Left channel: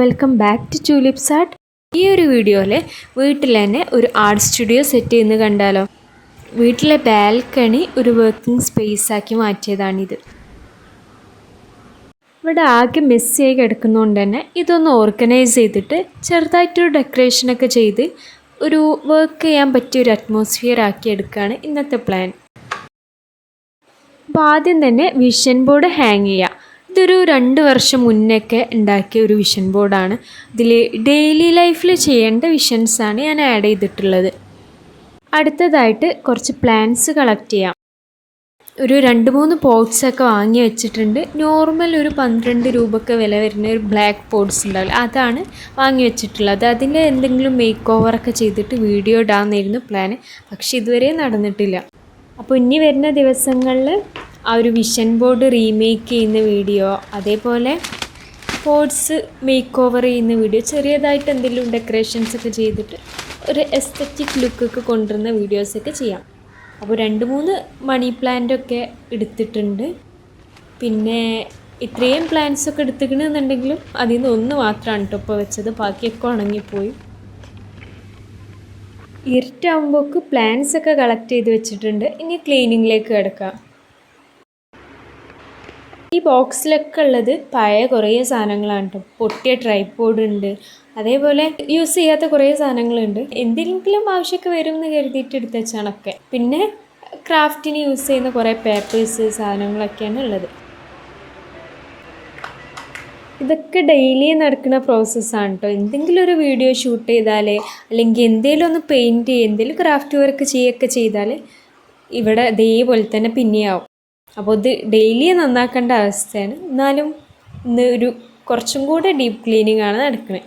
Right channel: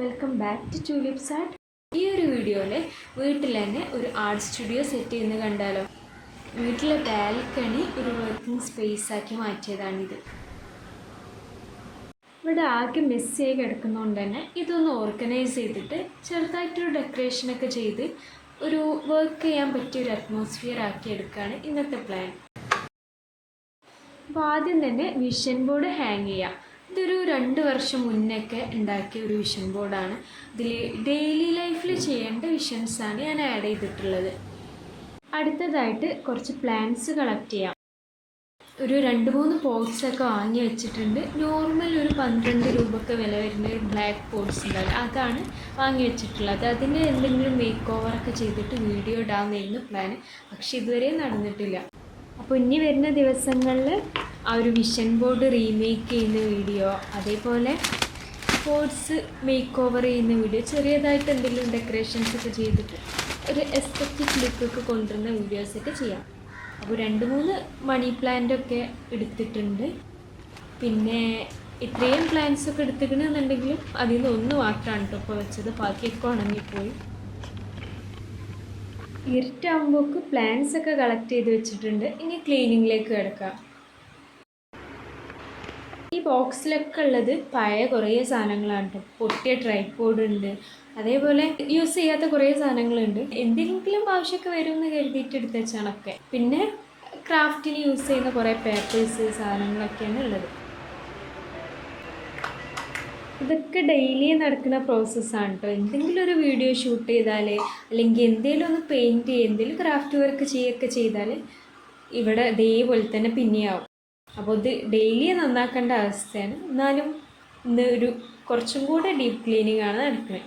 Welcome back to tulips art. ഈ ഒരു വീഡിയോയിൽ വീട്ടിൽ തന്നെ ഒരു ആർട്ട് സ്റ്റുഡിയോ സെറ്റ് ചെയ്യുന്നത് കണ്ടാലോ. വീട്ടിലെ ബാൽക്കണി ഒരു വർക്കിംഗ് സ്പേസ് ആക്കി മാറ്റിയതാണിത്. ഇവിടെ ആകെ മെസ്സിയായി കിടക്കുന്നതുകൊണ്ട് തന്നെ ഇതൊന്ന് ഓർഗനൈസ് ചെയ്തിട്ട് ചെറുതായിട്ടൊരു ഡെക്കറേഷനൊക്കെ ചെയ്ത് ഒരു വർക്ക് ചെയ്യാൻ പറ്റിയ ഒരു അറ്റ്മോസ്ഫിയർ ആക്കി എടുക്കുകയാണ് ഇന്നത്തെ പ്ലാൻ. അപ്പോൾ ആദ്യം തന്നെ വിഷൻ ബോർഡ് ഹാങ് ചെയ്യുക. ഇതൊരു 2 വർഷം മുന്നൊക്കെ ഉണ്ടാക്കിയ ഒരു വിഷൻ ബോർഡാണ്. ഇതിൽ ഡെയിലി ലൈഫിൽ ചെയ്യേണ്ട വിഷൻസാണ് ഞാൻ ആഡ് ചെയ്തിട്ടുള്ളത്. അടുത്തതായിട്ട് കുറച്ച് പ്ലാന്റ്സ് കളക്ട് ചെയ്യാം. ഒരു 2-3 പോട്ട്സൊക്കെ വാങ്ങി വെച്ചിട്ടുണ്ട്. നോർമൽ ഒരു 12 രൂപയ്ക്ക് വില വരുന്ന ഒരു ബ്ലാക്ക് പോട്ട്സ് ഉണ്ടാവില്ല, അതാണ് വാങ്ങി വെച്ചിട്ടുള്ളത്. അതിൻ്റെ എന്തെങ്കിലും മേക്ക് ഓവറൊക്കെ ചെയ്തിട്ട് വീഡിയോ ഇടാമെന്നായിരുന്നു പ്ലാന്, പക്ഷെ ഇതുവരെ നടന്നിട്ടില്ല. അപ്പോൾ ഇനി വരുന്ന ദിവസങ്ങളിൽ ആ ഒരു വിഷൻ ബോർഡ് റീമേക്ക് ചെയ്യുന്ന വീഡിയോ, അതേപോലെ പോട്ട്സ് മേക്ക് ഓവർ ചെയ്യുന്ന വീഡിയോ, ചെറിയതായിട്ട് എന്തെങ്കിലും ഡെക്കറേഷൻസൊക്കെ ചെയ്തിട്ട് ഒരു എസ്തറ്റിക് ലുക്കൊക്കെ കൊണ്ടുവരുന്ന വീഡിയോസൊക്കെ ചെയ്യാം. അപ്പോൾ 2-3 മണി പ്ലാന്റൊക്കെ എടുത്തിട്ടുണ്ട്. പിന്നെ ഇത്രയും പ്ലാന്റ്സൊക്കെ എടുത്തിക്കണമെന്നുണ്ടെങ്കിലും അതിൽ നിന്ന് ഒന്ന് മാത്രമാണ് കേട്ടോ ഇപ്പോൾ വെച്ചത്, ബാക്കിയൊക്കെ ഉണങ്ങിപ്പോയി. ഇരുട്ടാകുമ്പോൾക്ക് പ്ലാന്റ്സൊക്കെ കളക്ട് ചെയ്ത് വെച്ചിട്ടുണ്ട്. ഇനി ക്ലീനിങ്ങിലേക്ക് കിടക്കാം. ഈ ബോക്സിലൊക്കെ ഉള്ളത് പഴയ കുറേ സാധനങ്ങളാണ് കേട്ടോ. പൊട്ടിയ ട്രൈപോഡ് ഉണ്ട്, അതേപോലെ യൂസ് ചെയ്യാത്ത കുറേ സാധനങ്ങളുണ്ട്. എന്തെങ്കിലും ആവശ്യമൊക്കെ വരും എന്ന് കരുതിയിട്ട് എടുത്ത് വെച്ചാണൊക്കെ. പിന്നെ ക്രാഫ്റ്റിന് യൂസ് ചെയ്യുന്ന കുറേ പേപ്പേഴ്സ് സാധനങ്ങളൊക്കെയാണ് ഉള്ളത്. ഇതൊക്കെ ഡെയിലി നടക്കുന്ന പ്രോസസ്സാണ് കേട്ടോ. എന്തെങ്കിലും ഒരു വീഡിയോ ഷൂട്ട് ചെയ്താൽ, അല്ലെങ്കിൽ എന്തെങ്കിലും ഒന്ന് പെയിൻറ്റ് ചെയ്യുക, എന്തെങ്കിലും ക്രാഫ്റ്റ് വർക്ക് ചെയ്യുകയൊക്കെ ചെയ്താൽ ഇവിടെ ഇതേപോലെ തന്നെ പിന്നെയാവും. അപ്പോൾ ഇത് ഡെയിലി നന്നാക്കേണ്ട അവസ്ഥയാണ്. എന്നാലും ഇന്ന് ഒരു കുറച്ചും കൂടെ ഡീപ്പ് ക്ലീനിങ് ആണ് നടക്കുന്നത്.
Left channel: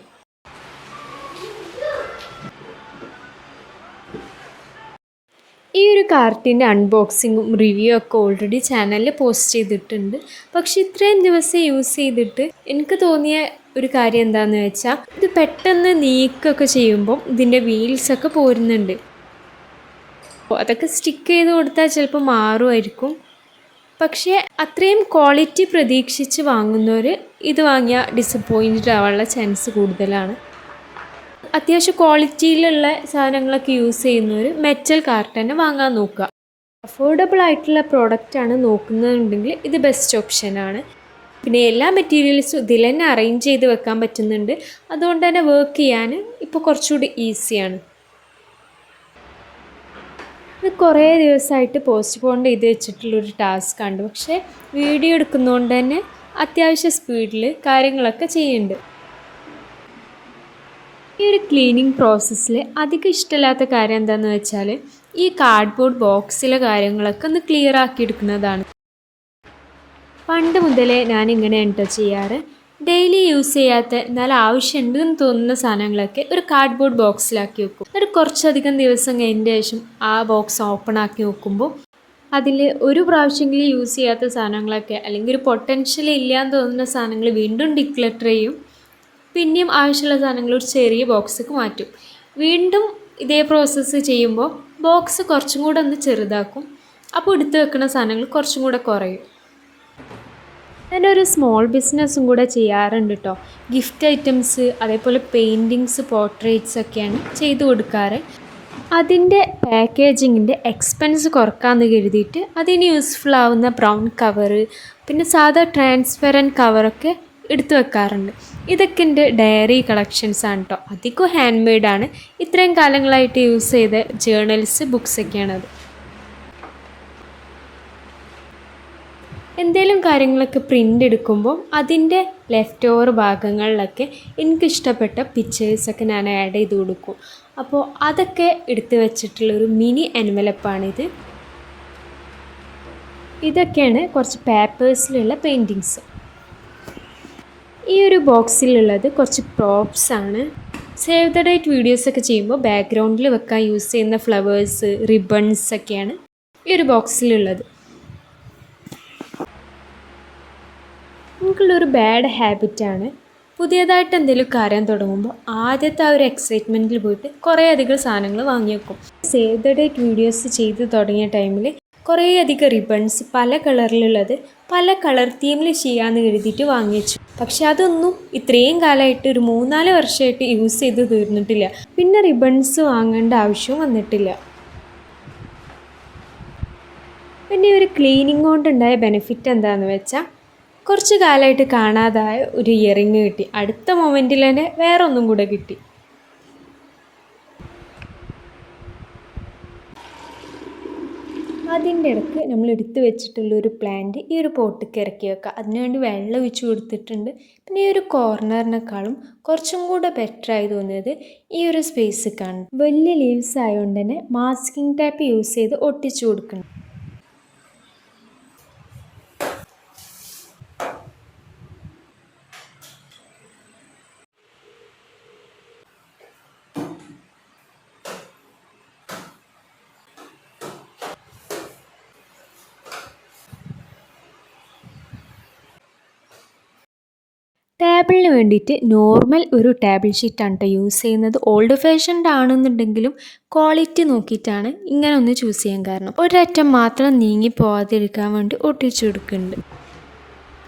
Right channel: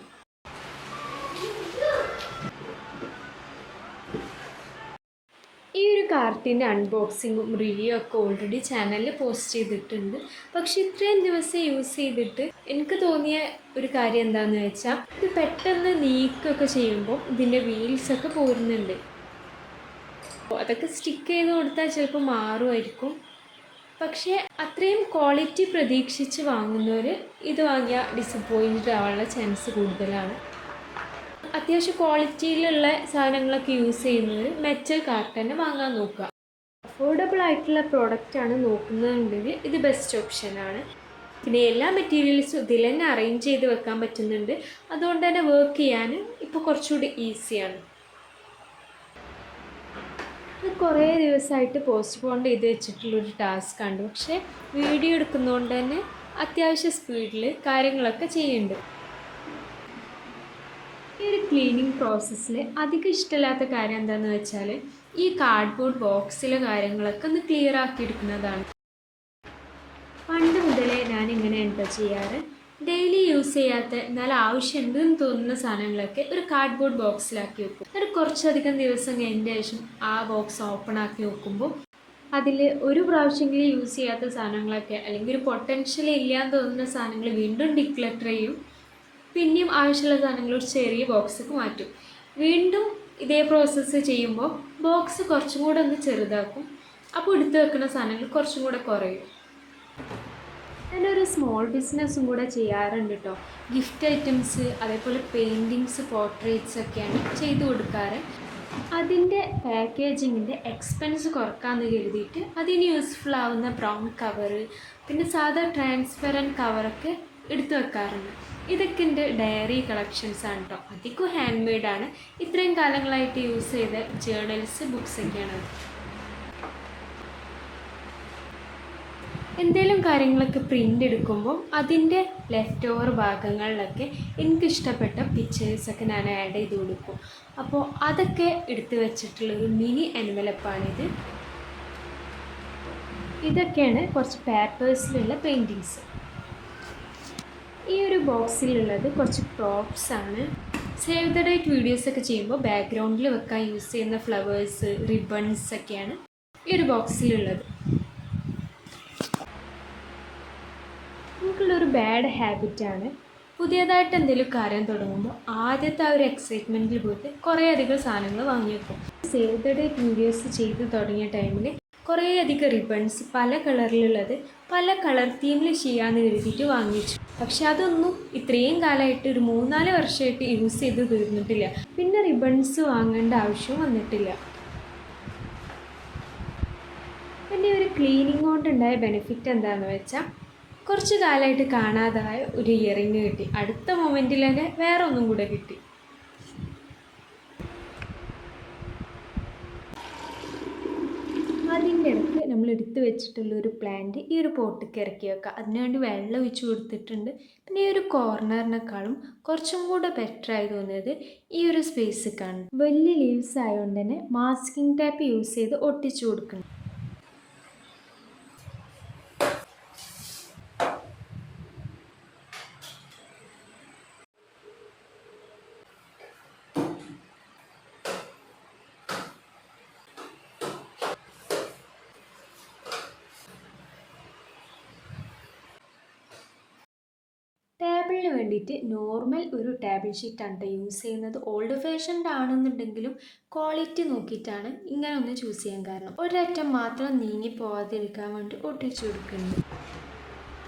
ഈ ഒരു കാർട്ടിൻ്റെ അൺബോക്സിങ്ങും റിവ്യൂ ഒക്കെ ഓൾറെഡി ചാനലിൽ പോസ്റ്റ് ചെയ്തിട്ടുണ്ട്. പക്ഷേ ഇത്രയും ദിവസം യൂസ് ചെയ്തിട്ട് എനിക്ക് തോന്നിയ ഒരു കാര്യം എന്താണെന്ന് വെച്ചാൽ, ഇത് പെട്ടെന്ന് നീക്കൊക്കെ ചെയ്യുമ്പോൾ ഇതിൻ്റെ വീൽസൊക്കെ പോരുന്നുണ്ട്. അപ്പോൾ അതൊക്കെ സ്റ്റിക്ക് ചെയ്ത് കൊടുത്താൽ ചിലപ്പോൾ മാറുമായിരിക്കും. പക്ഷേ അത്രയും ക്വാളിറ്റി പ്രതീക്ഷിച്ച് വാങ്ങുന്നവർ ഇത് വാങ്ങിയാൽ ഡിസപ്പോയിൻറ്റഡ് ആവാനുള്ള ചാൻസ് കൂടുതലാണ്. അത്യാവശ്യം ക്വാളിറ്റിയിലുള്ള സാധനങ്ങളൊക്കെ യൂസ് ചെയ്യുന്നവർ മെറ്റൽ കാർട്ട് തന്നെ വാങ്ങാൻ നോക്കുക. അഫോർഡബിൾ ആയിട്ടുള്ള പ്രോഡക്റ്റാണ് നോക്കുന്നതെന്നുണ്ടെങ്കിൽ ഇത് ബെസ്റ്റ് ഓപ്ഷനാണ്. പിന്നെ എല്ലാ മെറ്റീരിയൽസും ഇതിൽ തന്നെ അറേഞ്ച് ചെയ്ത് വെക്കാൻ പറ്റുന്നുണ്ട്. അതുകൊണ്ട് തന്നെ വർക്ക് ചെയ്യാൻ ഇപ്പോൾ കുറച്ചുകൂടി ഈസിയാണ്. ഇത് കുറേ ദിവസമായിട്ട് പോസ്റ്റ്പോൺ ചെയ്ത് വെച്ചിട്ടുള്ളൊരു ടാസ്ക്കാണ്. പക്ഷേ വീഡിയോ എടുക്കുന്നതുകൊണ്ട് തന്നെ അത്യാവശ്യം സ്പീഡിൽ കാര്യങ്ങളൊക്കെ ചെയ്യുന്നുണ്ട്. ഈ ഒരു ക്ലീനിങ് പ്രോസസ്സിൽ അധികം ഇഷ്ടമില്ലാത്ത കാര്യം എന്താണെന്ന് വെച്ചാൽ, ഈ കാർഡ്ബോർഡ് ബോക്സിലെ കാര്യങ്ങളൊക്കെ ഒന്ന് ക്ലിയർ ആക്കി എടുക്കുന്നതാണ്. പണ്ട് മുതലേ ഞാനിങ്ങനെയാണ് കേട്ടോ ചെയ്യാറ്. ഡെയിലി യൂസ് ചെയ്യാത്ത എന്നാൽ ആവശ്യമുണ്ടെന്ന് തോന്നുന്ന സാധനങ്ങളൊക്കെ ഒരു കാർഡ്ബോർഡ് ബോക്സിലാക്കി വെക്കും. ഒരു കുറച്ചധികം ദിവസം കഴിഞ്ഞതിന് ശേഷം ആ ബോക്സ് ഓപ്പൺ ആക്കി നോക്കുമ്പോൾ അതിൽ ഒരു പ്രാവശ്യമെങ്കിലും യൂസ് ചെയ്യാത്ത സാധനങ്ങളൊക്കെ, അല്ലെങ്കിൽ ഒരു പൊട്ടൻഷ്യൽ ഇല്ലയെന്ന് തോന്നുന്ന സാധനങ്ങൾ വീണ്ടും ഡിക്ലട്ടർ ചെയ്യും. പിന്നെയും ആവശ്യമുള്ള സാധനങ്ങൾ ഒരു ചെറിയ ബോക്സിലേക്ക് മാറ്റും. വീണ്ടും ഇതേ പ്രോസസ്സ് ചെയ്യുമ്പോൾ ബോക്സ് കുറച്ചും കൂടെ ഒന്ന് ചെറുതാക്കും. അപ്പോൾ എടുത്ത് വെക്കുന്ന സാധനങ്ങൾ കുറച്ചും കൂടെ കുറയും. ഞാനൊരു സ്മോൾ ബിസിനസ്സും കൂടെ ചെയ്യാറുണ്ട് കേട്ടോ. ഗിഫ്റ്റ് ഐറ്റംസ്, അതേപോലെ പെയിൻറ്റിങ്സ്, പോർട്രേറ്റ്സ് ഒക്കെയാണ് ചെയ്തു കൊടുക്കാറ്. അതിൻ്റെ പാക്കേജിങ്ങിൻ്റെ എക്സ്പെൻസ് കുറക്കാമെന്ന് കരുതിയിട്ട് അതിന് യൂസ്ഫുൾ ആവുന്ന ബ്രൗൺ കവറ്, പിന്നെ സാധാ ട്രാൻസ്പെറൻറ്റ് കവറൊക്കെ എടുത്തു വെക്കാറുണ്ട്. ഇതൊക്കെ എൻ്റെ ഡയറി കളക്ഷൻസാണ് കേട്ടോ. അധികം ഹാൻഡ് മെയ്ഡാണ്. ഇത്രയും കാലങ്ങളായിട്ട് യൂസ് ചെയ്ത ജേർണൽസ്, ബുക്സൊക്കെയാണത്. എന്തെങ്കിലും കാര്യങ്ങളൊക്കെ പ്രിൻ്റ് എടുക്കുമ്പോൾ അതിൻ്റെ ലെഫ്റ്റ് ഓവർ ഭാഗങ്ങളിലൊക്കെ എനിക്കിഷ്ടപ്പെട്ട പിക്ചേഴ്സൊക്കെ ഞാൻ ആഡ് ചെയ്ത് കൊടുക്കും. അപ്പോൾ അതൊക്കെ എടുത്ത് വെച്ചിട്ടുള്ളൊരു മിനി എൻവലപ്പാണിത്. ഇതൊക്കെയാണ് കുറച്ച് പേപ്പേഴ്സിലുള്ള പെയിൻറ്റിങ്സ്. ഈ ഒരു ബോക്സിലുള്ളത് കുറച്ച് പ്രോപ്സാണ്. സേവ് ദ ഡേറ്റ് വീഡിയോസൊക്കെ ചെയ്യുമ്പോൾ ബാക്ക്ഗ്രൗണ്ടിൽ വെക്കാൻ യൂസ് ചെയ്യുന്ന ഫ്ലവേഴ്സ്, റിബൺസൊക്കെയാണ് ഈ ഒരു ബോക്സിലുള്ളത്. എനിക്കുള്ളൊരു ബാഡ് ഹാബിറ്റാണ്, പുതിയതായിട്ട് എന്തെങ്കിലും കാര്യം തുടങ്ങുമ്പോൾ ആദ്യത്തെ ആ ഒരു എക്സൈറ്റ്മെൻറ്റിൽ പോയിട്ട് കുറേ അധികം സാധനങ്ങൾ വാങ്ങി വെക്കും. സേവ് ദ ഡേറ്റ് വീഡിയോസ് ചെയ്ത് തുടങ്ങിയ ടൈമിൽ കുറേയധികം റിബൺസ് പല കളറിലുള്ളത് പല കളർ തീമിൽ ചെയ്യാമെന്ന് കരുതിയിട്ട് വാങ്ങിച്ചു. പക്ഷെ അതൊന്നും ഇത്രയും കാലമായിട്ട് ഒരു 3-4 വർഷമായിട്ട് യൂസ് ചെയ്ത് തീർന്നിട്ടില്ല. പിന്നെ റിബൺസ് വാങ്ങേണ്ട ആവശ്യവും വന്നിട്ടില്ല. പിന്നെ ഒരു ക്ലീനിങ് കൊണ്ടുണ്ടായ ബെനിഫിറ്റ് എന്താണെന്ന് വെച്ചാൽ കുറച്ച് കാലമായിട്ട് കാണാതായ ഒരു ഇയറിങ് കിട്ടി. അടുത്ത മൊമെൻറ്റിൽ തന്നെ വേറെ ഒന്നും കൂടെ കിട്ടി. അതിൻ്റെ ഇടയ്ക്ക് നമ്മൾ എടുത്ത് വെച്ചിട്ടുള്ളൊരു പ്ലാന്റ് ഈ ഒരു പോട്ടിലേക്ക് ഇറക്കി വെക്കുക. അതിനുവേണ്ടി വെള്ളം ഒഴിച്ച് കൊടുത്തിട്ടുണ്ട്. പിന്നെ ഈ ഒരു കോർണറിനേക്കാളും കുറച്ചും കൂടെ ബെറ്ററായി തോന്നിയത് ഈ ഒരു സ്പേസിലേക്കാണ്. വലിയ ലീവ്സ് ആയതുകൊണ്ട് തന്നെ മാസ്കിംഗ് ടാപ്പ് യൂസ് ചെയ്ത് ഒട്ടിച്ചു കൊടുക്കണം. ടേബിളിന് വേണ്ടിയിട്ട് നോർമൽ ഒരു ടേബിൾ ഷീറ്റാണ് കേട്ടോ യൂസ് ചെയ്യുന്നത്. ഓൾഡ് ഫാഷൻഡ് ആണെന്നുണ്ടെങ്കിലും ക്വാളിറ്റി നോക്കിയിട്ടാണ് ഇങ്ങനെ ഒന്ന് ചൂസ് ചെയ്യാൻ കാരണം. ഒരറ്റം മാത്രം നീങ്ങി പോകാതിരിക്കാൻ വേണ്ടി ഒട്ടിച്ചു കൊടുക്കുന്നുണ്ട്.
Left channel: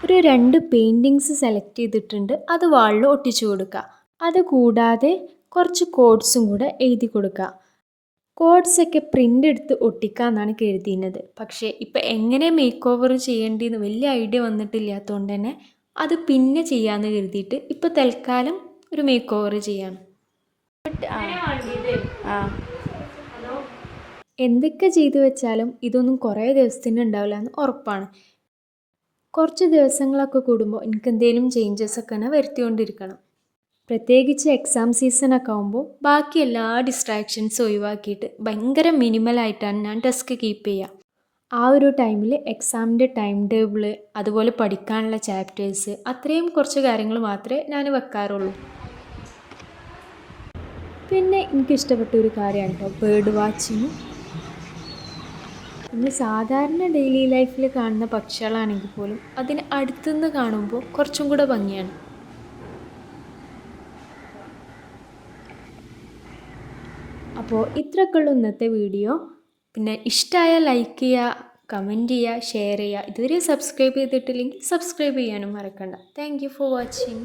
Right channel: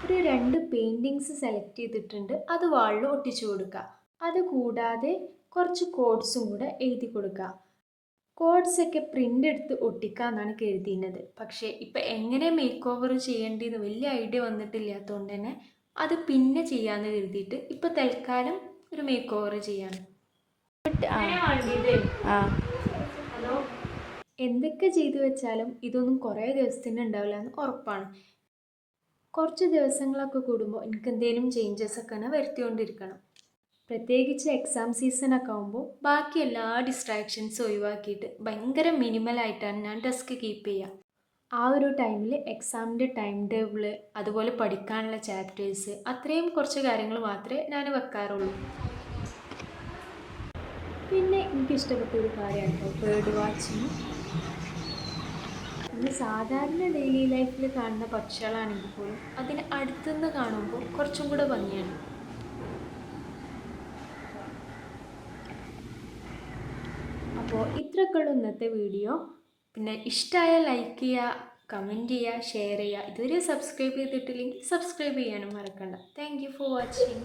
ഒരു 2 പെയിൻറ്റിങ്സ് സെലക്ട് ചെയ്തിട്ടുണ്ട്. അത് വാളിൽ ഒട്ടിച്ചു കൊടുക്കുക. അതുകൂടാതെ കുറച്ച് കോഡ്സും കൂടെ എഴുതി കൊടുക്കുക. കോഡ്സൊക്കെ പ്രിൻ്റ് എടുത്ത് ഒട്ടിക്കാമെന്നാണ് കരുതിയിരുന്നത്. പക്ഷേ ഇപ്പം എങ്ങനെ മേക്ക് ഓവർ ചെയ്യേണ്ടതെന്ന് വലിയ ഐഡിയ വന്നിട്ടില്ലാത്തതുകൊണ്ട് തന്നെ അത് പിന്നെ ചെയ്യാമെന്ന് കരുതിയിട്ട് ഇപ്പോൾ തൽക്കാലം ഒരു മേക്ക് ഓവർ ചെയ്യാണ്. എന്തൊക്കെ ചെയ്തു വെച്ചാലും ഇതൊന്നും കുറേ ദിവസത്തിന് ഉണ്ടാവില്ല എന്ന് ഉറപ്പാണ്. കുറച്ച് ദിവസങ്ങളൊക്കെ കൂടുമ്പോൾ എനിക്ക് എന്തെങ്കിലും ചേഞ്ചസ് ഒക്കെ തന്നെ വരുത്തിക്കൊണ്ടിരിക്കണം. പ്രത്യേകിച്ച് എക്സാം സീസണൊക്കെ ആകുമ്പോൾ ബാക്കി എല്ലാ ഡിസ്ട്രാക്ഷൻസും ഒഴിവാക്കിയിട്ട് ഭയങ്കര മിനിമലായിട്ടാണ് ഞാൻ ഡെസ്ക് കീപ്പ് ചെയ്യുക. ആ ഒരു ടൈമിൽ എക്സാമിൻ്റെ ടൈം ടേബിൾ, അതുപോലെ പഠിക്കാനുള്ള ചാപ്റ്റേഴ്സ്, അത്രയും കുറച്ച് കാര്യങ്ങൾ മാത്രമേ ഞാൻ വെക്കാറുള്ളൂ. പിന്നെ എനിക്കിഷ്ടപ്പെട്ട ഒരു കാര്യമാണ് കേട്ടോ ബേർഡ് വാച്ചിങ്. നമ്മൾ സാധാരണ ഡെയിലി ലൈഫിൽ കാണുന്ന പക്ഷികളാണെങ്കിൽ പോലും അതിന് അടുത്തുനിന്ന് കാണുമ്പോൾ കുറച്ചും കൂടെ ഭംഗിയാണ്. അപ്പോൾ ഇത്രയൊക്കെയുള്ള ഇന്നത്തെ വീഡിയോ. പിന്നെ ഇഷ്ടമായ ലൈക്ക് ചെയ്യുക, കമൻറ്റ് ചെയ്യുക, ഷെയർ ചെയ്യുക. ഇതുവരെ സബ്സ്ക്രൈബ് ചെയ്തിട്ടില്ലെങ്കിൽ സബ്സ്ക്രൈബ് ചെയ്യാനും മറക്കണ്ട. Thank you for watching.